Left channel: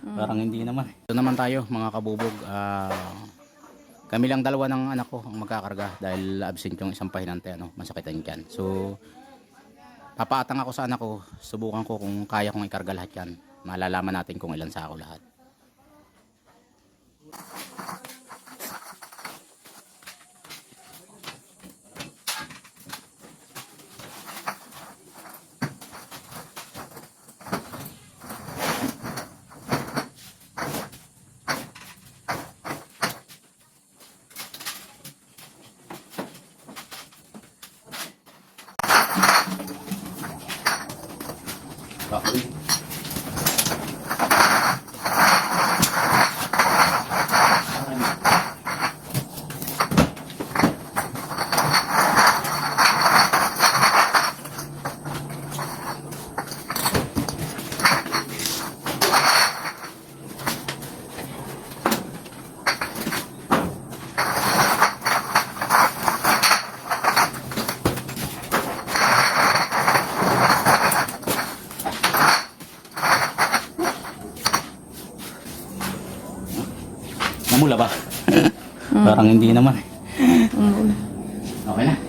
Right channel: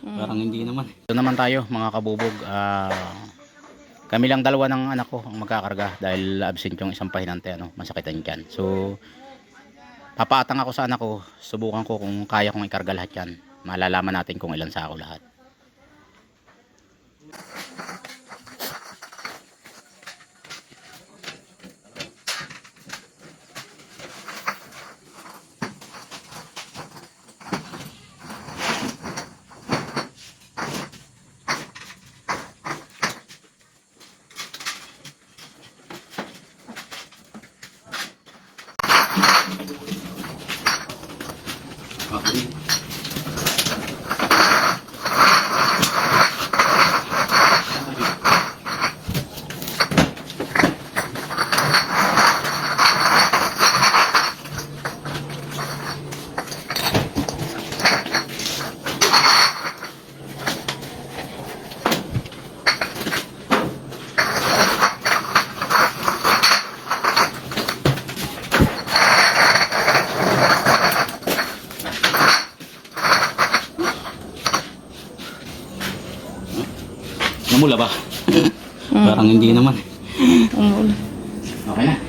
Parang hindi naman. Ito naman tayo mga kabubog. Kami lang dalawa ng anak ko ang magkakarga dahil absent yung isang pahinante, masakitan dyan. So papaatang ako sa anak ko, subukan ko kung kaya kong ikarga lahat yan. Malalaman natin kung ilan sako lahat. Namula ba? Parang hindi naman. Umula. Okay na.